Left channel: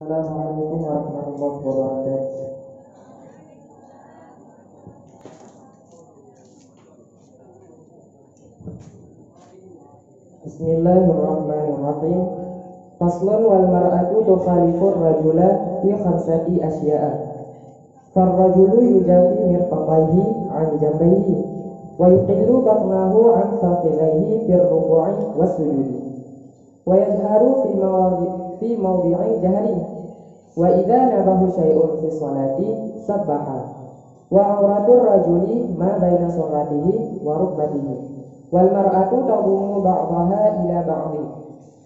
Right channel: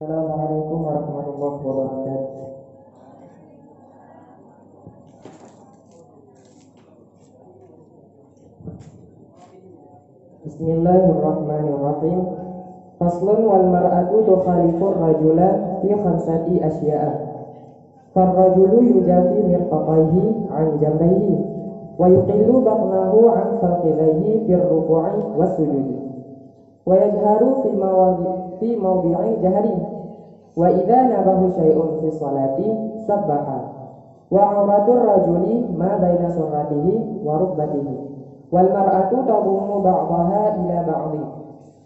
Assalamualaikum warahmatullahi wabarakatuh. Bismillahirrahmanirrahim. Faslun wal mar'atu tukhalifur rajula fi khamsati asya'a. Farrajulu yujafi mirfaqaihi an jambayhi wa yuqillu batnahu an faqidaihi fir ruku'i was sujudi wa yajharu fi mawdi'i jahri wa idza nabahu syai'un fi sholati sabbaha wa auratur rajuli ma baina surratihi wa rukbatihi wal mar'atu tadumu ba'daha ila ba'dhi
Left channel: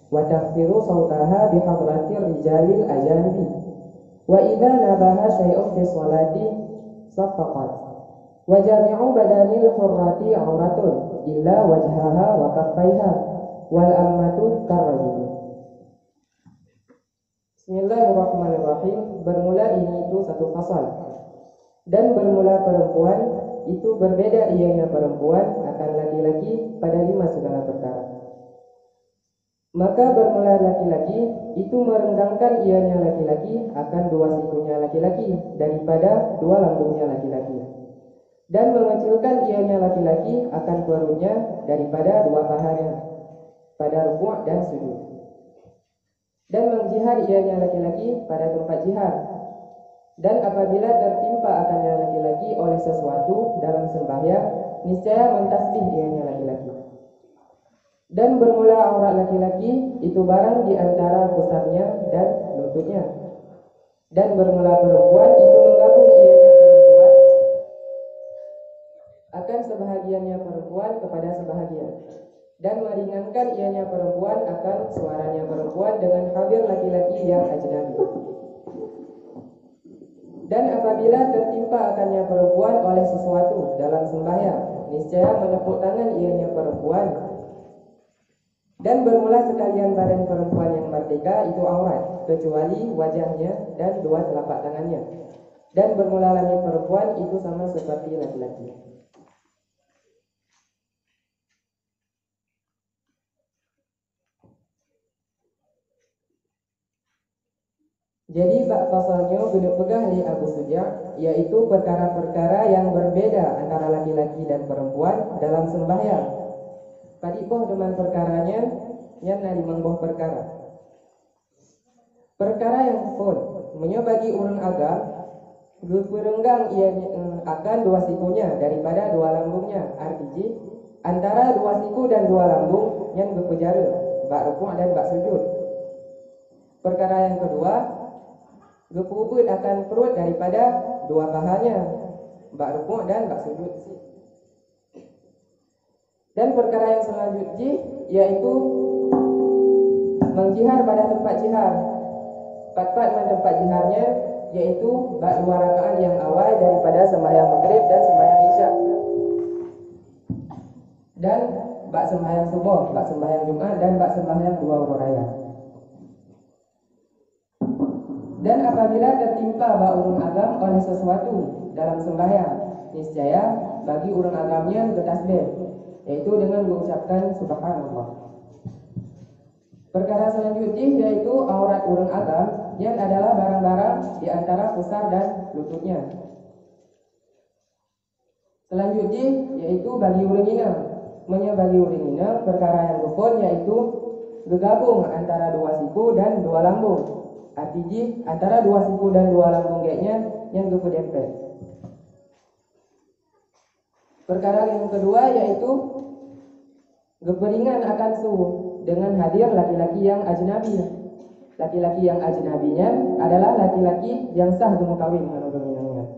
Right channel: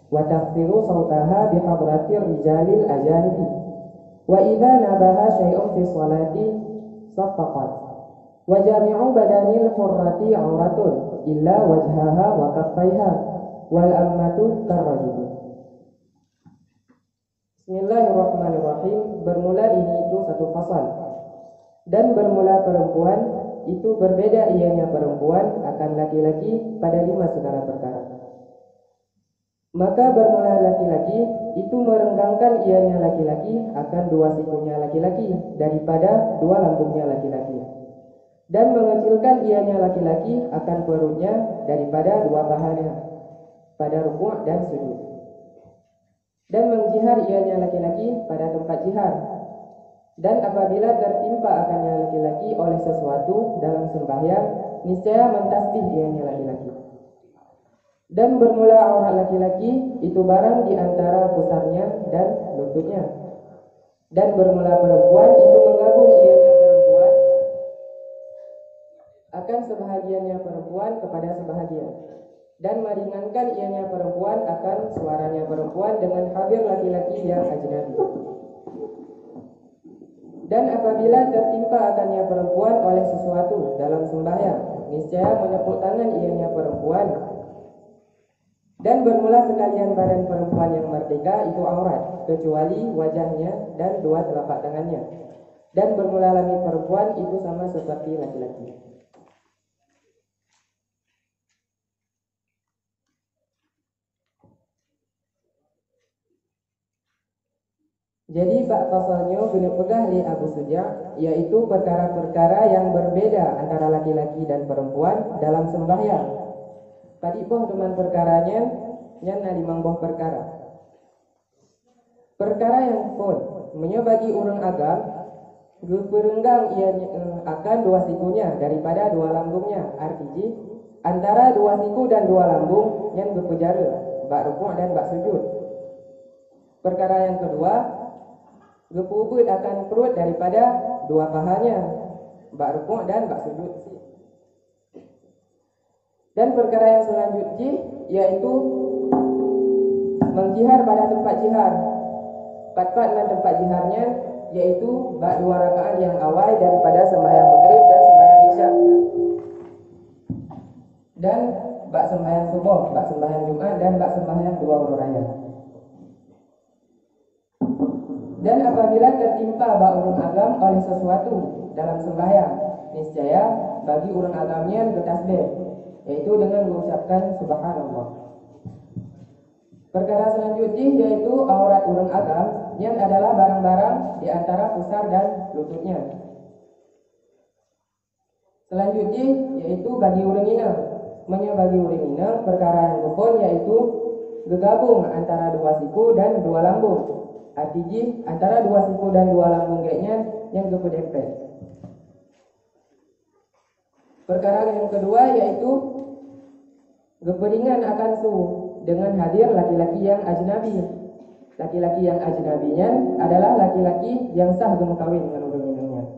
wa tahfiru sawtaha bi hadratir rijalil ajanibi wa idza nabaha syai'un fi sholati saffaqat wa jami'u badanil hurrati auratun illa wajhaha wa kaffaiha wal ammatu karrajul. Bismillahirrahmanirrahim. Bermula ini itu satu fasal. Dan bermula perempuan itu berbeda ianya perempuan akan laki-laki pada 5 segala perkara. Maka bermula laki-laki itu merenggangkan ianya laki-laki akan 2 sikunya laki-laki daripada 2 lambungnya laki-laki, dan mengecilkan ianya laki-laki akan perutnya daripada 2 pahanya pada rukuk dan sujud, dan mengjihar ianya laki-laki pada tempat jihar. Dan apabila tertimpa akannya laki-laki oleh sesuatu dalam sembahyang, niscaya mentasbih ianya laki-laki. Dan bermula aurat laki-laki itu barang di antara pusarnya dan lututnya. Dan bermula perempuan itu menggabung ianya perempuan akan sebahagiannya perempuan kepada sebahagian, dan meringankan ianya perempuan akan suaranya perempuan dengan hadir laki-laki yang ajnabi. Dan apabila tertimpa akannya perempuan oleh sesuatu dalam sembahyang, niscaya menepuk tangan ianya perempuan. Dan bermula sekalian badan perempuan yang merdeka itu aurat, kecuali wajahnya dan 2 telapak tangannya. Dan bermula langit perempuan itu sama seperti laki-laki. Jadi bab fasalnya guna pegah li Abu Suja', yaitu perkara-perkara yang berbeda antara laki-laki dan perempuan dalam sembahyang. Padipoh dengan perkaranya nyana 5 buah perkara. Perkara yang pun menyebagi orang agam berenggang ia akan 2 sikunya daripada 2 lambungnya, artinya antara 2 siku dan 2 lambung yang berpejara bak rukuk dan bak sujud. Perkara yang kedua, gepubut akan perut daripada 2 pahanya bak rukuk dan bak sujud. Dan perkara yang selanjutnya yaitu mengjihar pada tempat jihar. Pat-pat dengan tempat jiharnya yaitu bak 2 rakaat yang awal daripada sembahyang maghrib dan sembahyang isya, dan bak sembahyang subuh, bak sembahyang Jumat, dan bak sembahyang 2 waktu raya. Dan apabila tertimpa bak urun agam oleh sesuatu dalam sembahyang, niscaya bagi urun agamnya bertasbih, yaitu dengan mengucapkan subhanallah. Perkara selanjutnya yaitu aurat urun agam yang adalah barang-barang di antara pusar dan lututnya. Selanjutnya yaitu bagi urun inang. Bagi urun inang perkara yang rukun yaitu bergabung antara 2 siku dan 2 lambung. Artinya antara 2 siku dan 2 lambung kayaknya yang berpedempet. Perkara yang kedua yaitu geperingan akan suhu dengan hadir laki-laki yang ajnabi. Laki-laki yang ajnabinya adalah laki-laki yang sah gemukawin menurut minangnya.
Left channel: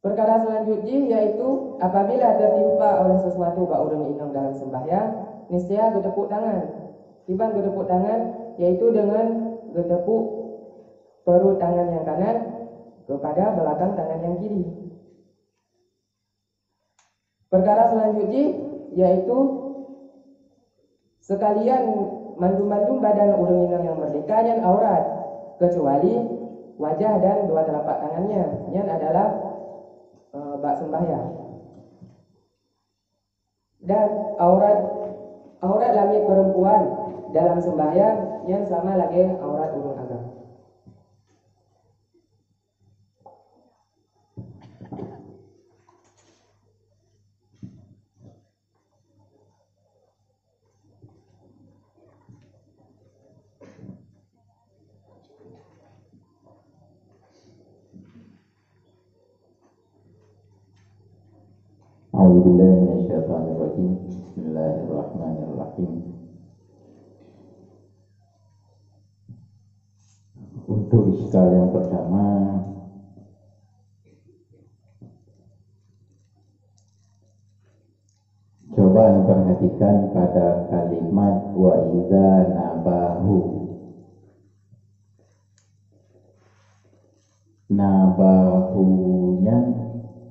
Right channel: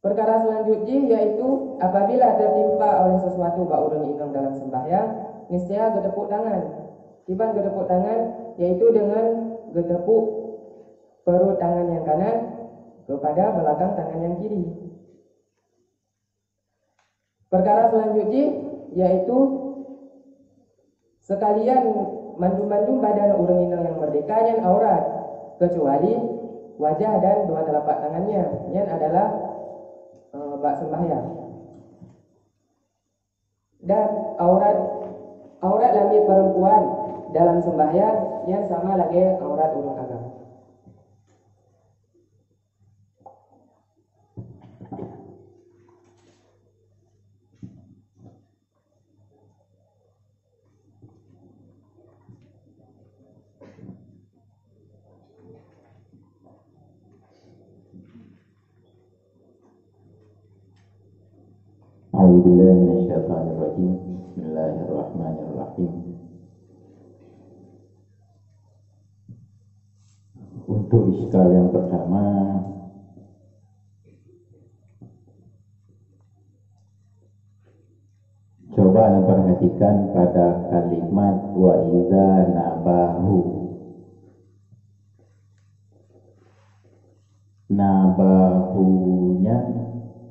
Perkara selanjutnya yaitu apabila tertimpa oleh sesuatu bak urun inang dalam sembahyang, niscaya gedepuk tangan. Tiba gedepuk tangan yaitu dengan gedepuk perut tangan yang kanan kepada belakang tangan yang kiri. Perkara selanjutnya yaitu sekalian mandum-mandum badan urang inang yang merdeka dan aurat, kecuali wajah dan 2 telapak tangannya yang adalah bak sembahyang. Dan aurat lamit perempuan dalam sembahyang yang sama lagi aurat ulun agama. A'udzubillahi minasyaitonirrajim. Bismillahirrahmanirrahim. Untuk iskal yang pertama, coba perhatikan pada kalimat wa iza nabahu. Nabahunya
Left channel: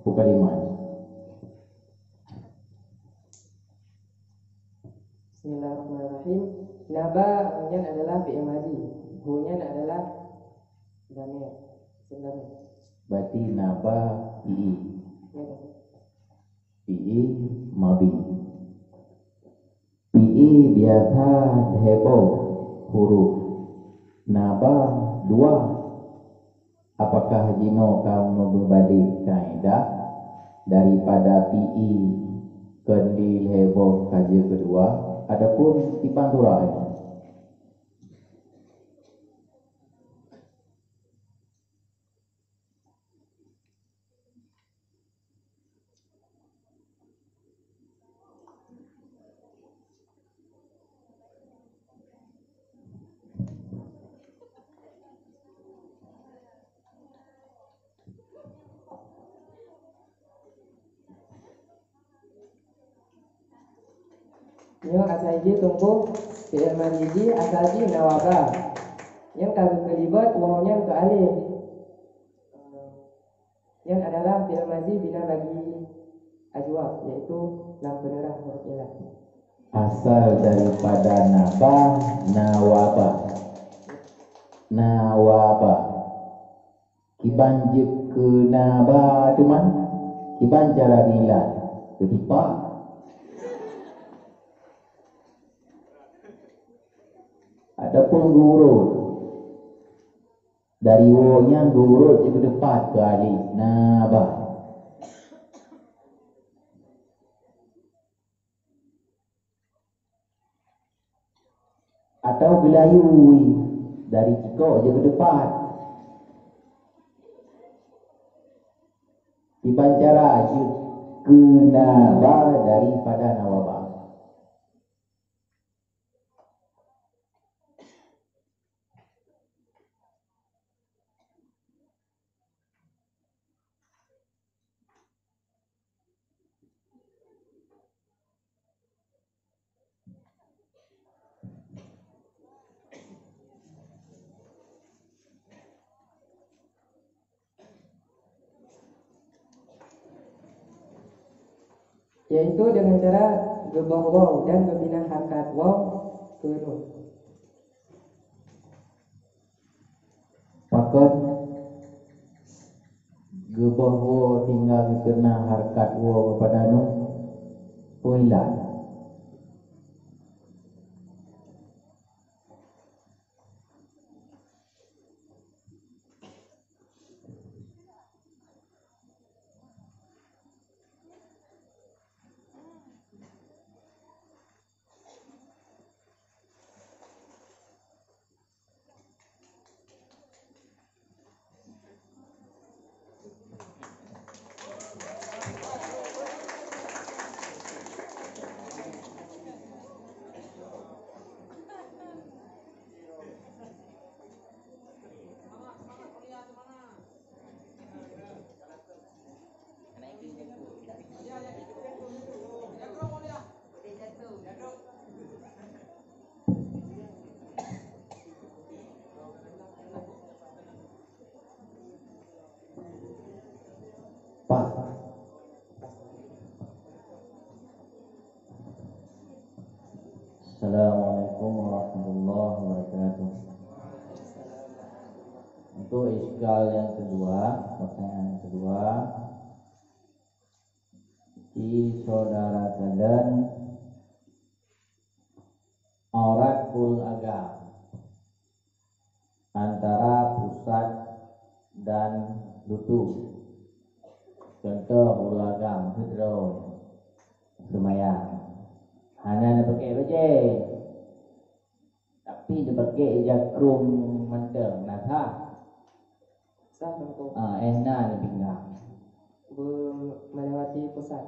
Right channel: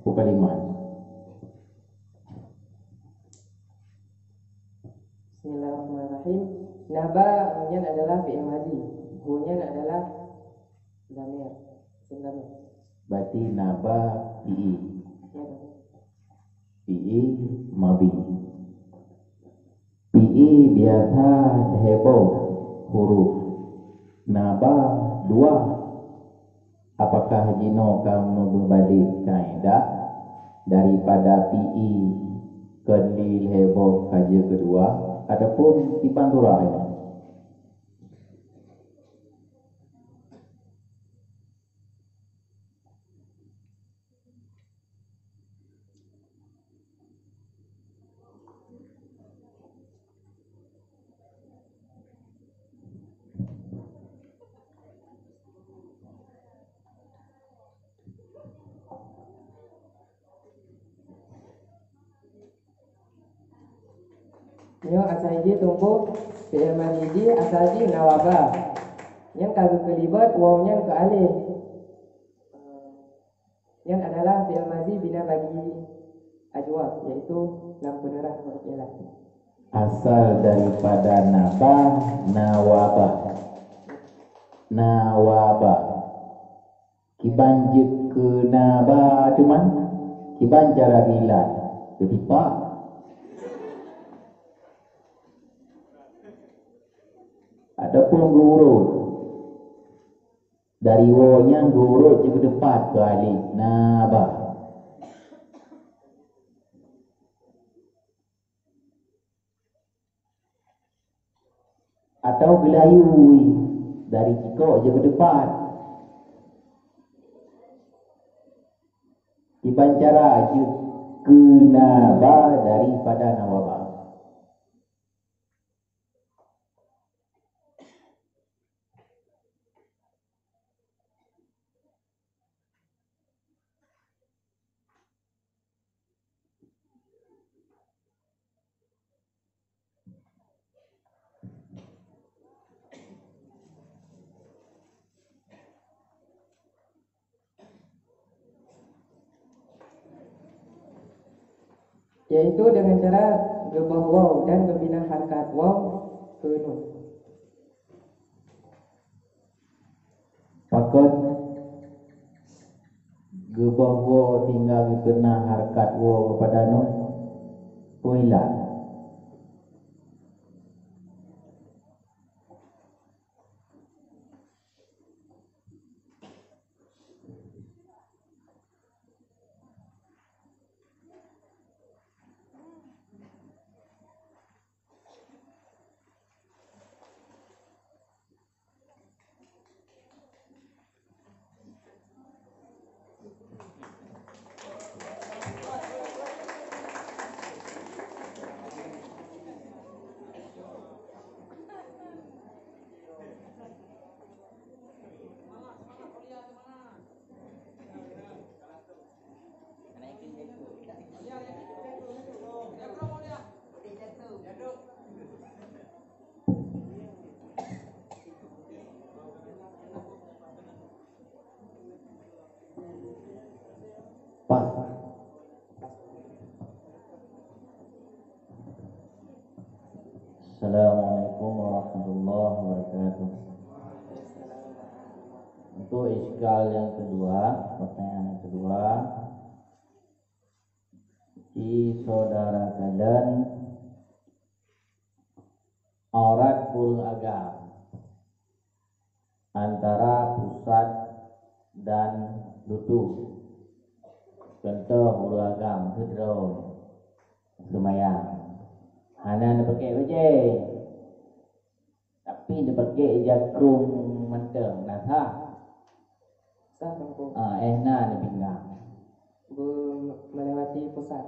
bukan kalimat. Bismillahirrahmanirrahim. Naba hunya adalah fi'il madhi, hunya adalah dhamir, damir. Berarti naba fi'i. Ya, betul. Fi'i madhi. Fi'i biasa heboh huruf. Naba dua. Apakah jino kamu berbalik kaedah daripada PI kendil heboh kaji kedua ataupun tipan turah ini? Yang asalji tunggu fi'il madhi asalji nawaba. Yang kagak kelibat wawnya ke alif. Yang adalah fi'il madhi bina bagi ajwa, yaitu lam penerah huruf ilah. Asal daripada nabah nawaba. Nawaba. Kibanjik ke nabah cuman kiban cara ilah ketipa. Adapun gurut dari wo-nya gurut ke depan ke alif nabah. Atau gelayui dari cikok je ke depan. Iban cara je ke nabah daripada nawabah. Yaitu dengan cara gebah waw dan membina harkat waw ke nun. Pakat gebah wo tinggal kena harkat wo pada nun kuilan. Pak, Assalamualaikum warahmatullahi wabarakatuh. Untuk iskal yang kedua, pertanyaan yang kedua, si saudara kalian aurat kul agam. antara pusat dan lutu. Contoh hulu agam, hidro, semayang. Hana dia pakai baje. Tapi dia pakai jagung menteng. Nah sah. Sah tengku. Ehna dia pinggang. Melewati pusat.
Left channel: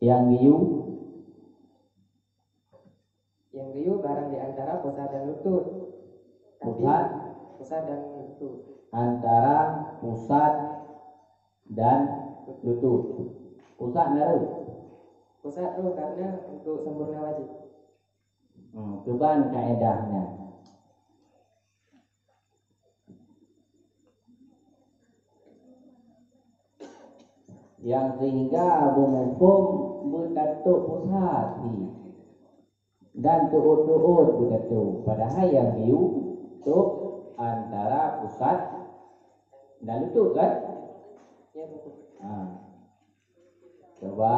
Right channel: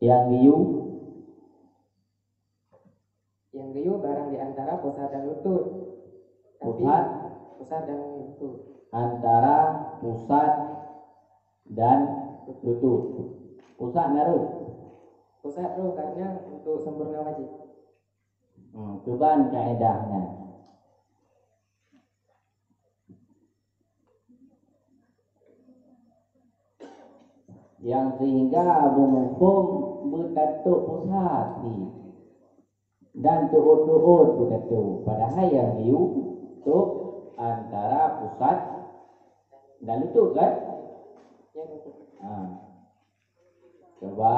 Yang giyu. Yang giyu barang di antara pusat dan lutut. Tapi pusat dan lutut. Antara pusat dan lutut. Pusat naruh. Pusat roh karena untuk sempurna wajib. Keban kaedahnya. Yang sehingga menghukum bertatuk pusat dan tuut-tuut bertatuk. Padahal yang hiu tu antara pusat dan lutut kan? Ya betul. Coba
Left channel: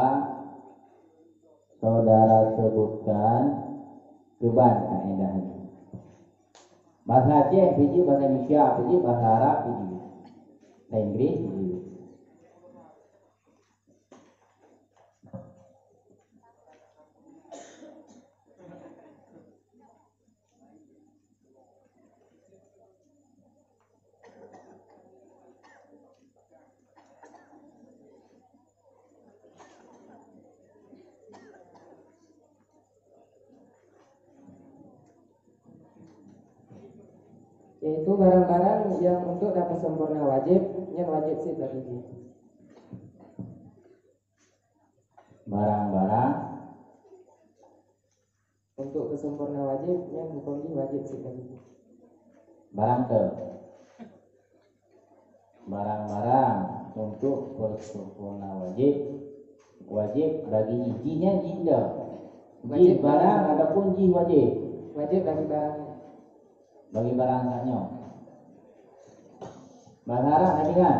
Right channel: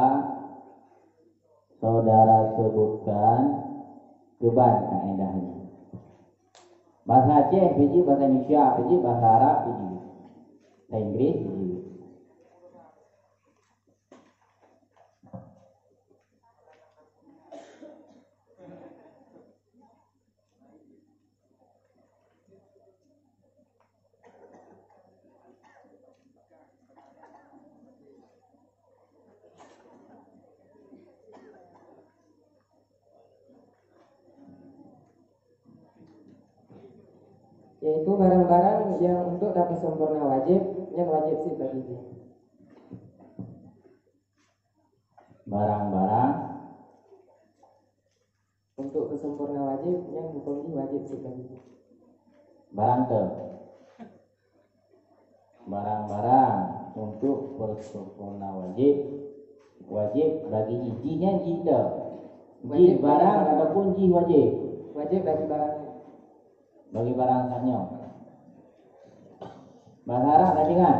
saudara sebutkan keban kaedahnya. Bahasa Aceh piji, bahasa Indonesia piji, bahasa Arab piji, bahasa Inggris piji. Yaitu barang-barang yang untuk dapat sempurna wajib, yang wajib sih bagi dia. Barang-barang untuk kesempurna wajib yang hukumnya wajib sih bagi dia. Barang-barang untuk bersempurna wajib bagi ijinya jida. Ji barang ataupun ji wajib. Wajib bagi barang. Bagi barang saknya. Bahasa Arab tadi kan?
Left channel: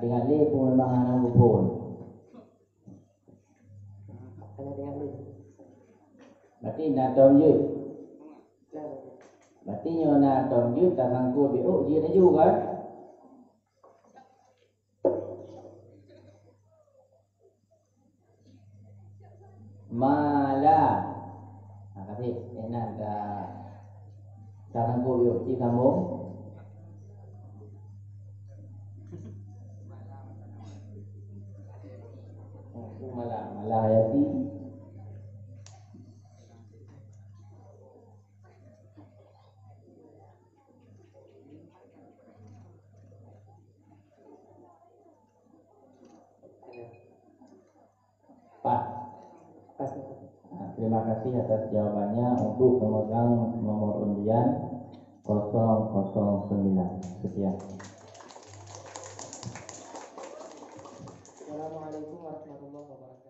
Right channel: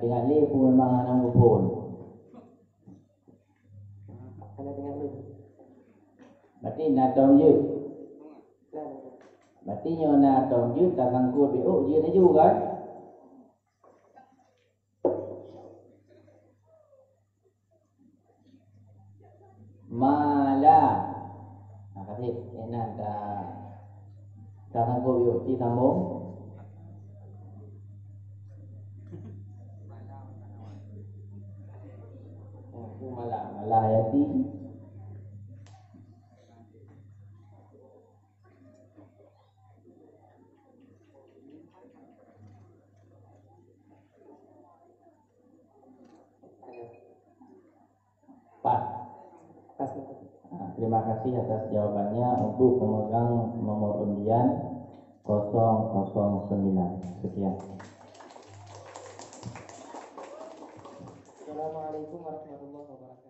Tinggal li pun memang anak pun. Tinggal li. Berarti nak dom je. Berarti nyo nak dom je tak sangkut beuk je laju kan? Mala. Kasih enak tak sangkut beuk ti sambung. Malah hayati. Pas. Terima kasih atas jawabannya. Untuk pemegang nomor undian 009. Sekian. Assalamualaikum warahmatullahi wabarakatuh.